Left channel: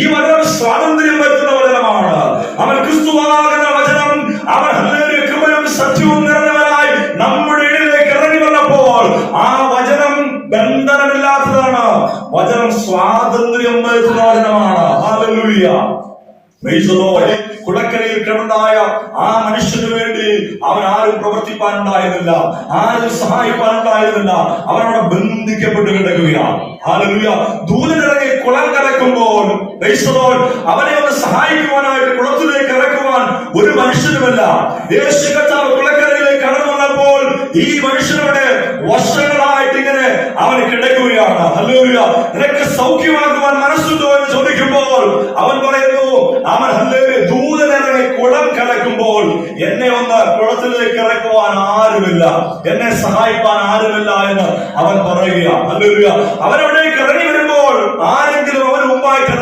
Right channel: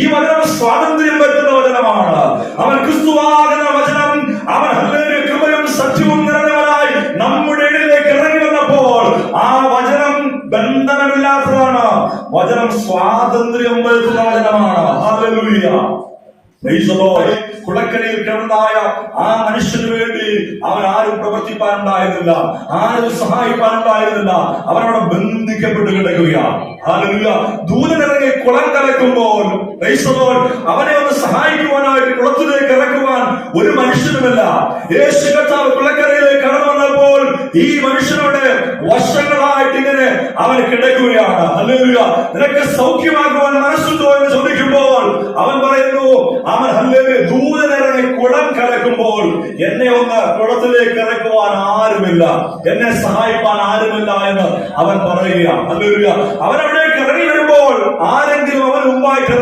ഈ വചനം സ്വാതന്ത്ര്യം വരുത്തുന്ന വചനമാണ്. അവൻ ക്രിസ്തുവാകുന്ന വചനം, അവൻ ഹല്ലേലൂയ കൃപയും സത്യവും നിറഞ്ഞവനായി നമ്മുടെ ഇടയിലേക്ക് ഇറങ്ങി വന്നപ്പോൾ ആ വചനം ബന്ധനമില്ലാത്തതാണ്. വചനം സ്വാതന്ത്ര്യം വരുത്തുന്ന വചനമാണ്. ഹല്ലേലൂയ. കുളക്കരയിൽ കിടന്നായ ആ മനുഷ്യന് വേണ്ടി അവൻ ആരും പ്രവർത്തിപ്പാനുണ്ടായിരുന്നില്ല, ആരും സഹായിപ്പാനുണ്ടായിരുന്നില്ല. അവനവിടെ ബന്ധിക്കപ്പെട്ട് കിടക്കുകയാണ്. ഹല്ലേലൂയ. ദൂതനിറങ്ങി കുളം കലക്കുമ്പോൾ അവനെ ഒന്ന് സഹായിക്കുവാനായിട്ട് കുളത്തിലേക്ക് ഇറക്കുവാൻ ഒരു മനുഷ്യനുമില്ല. യേശു കർത്താവ് കുളക്കരയിലേക്ക് കടന്നു വന്നപ്പോൾ ഈ മനുഷ്യനോട് വർഷങ്ങളായിട്ട് ഇങ്ങനെ അവൻ കിടക്കുകയാണ്. ഹല്ലേലൂയ. നിനക്ക് സൗഖ്യമാക്കുവാൻ മനസ്സുണ്ടോ എന്ന് ചോദിക്കുമ്പോൾ അവൻ പറയുന്നു, അവൻ ഹല്ലേലൂയ ദൂതനിറങ്ങി കുളം കലക്കുമ്പോൾ എന്നെ ഒന്ന് കുളത്തിലേക്ക് ഇറക്കുവാൻ ആരുമില്ല, എന്നെ സഹായിപ്പാൻ ആരുമില്ല എന്ന് അവൻ പറയുക. ഹല്ലേലൂയ. അവനവിടേക്ക് ഇറങ്ങി വരുമ്പോൾ ആരെങ്കിലും അവന് മുമ്പായിട്ട്